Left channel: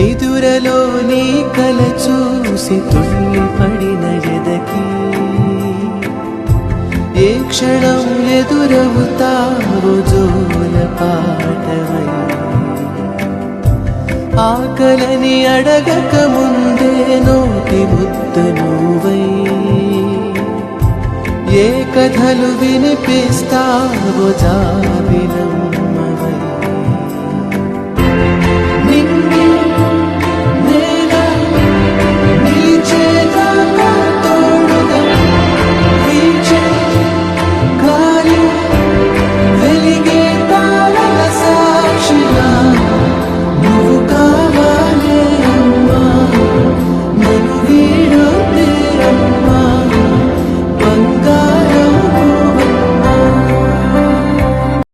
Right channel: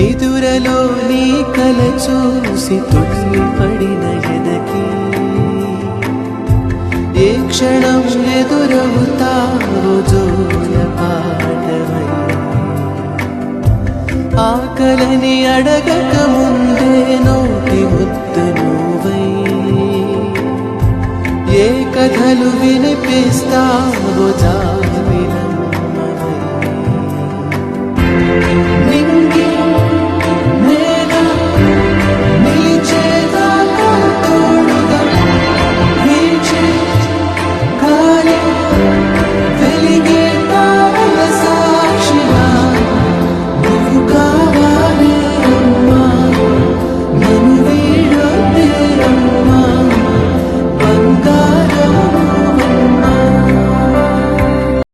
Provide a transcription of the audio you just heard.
నిదురలో నీ కల చూసి తుళ్ళి పడిన ఎదకి ఏ క్షణం ఎదురవుతావు జోల పాటవై ఆకలని అడగక ముందే నోటి ముద్ద నువ్వై ఏ కథలు వినిపిస్తావో జాబిలం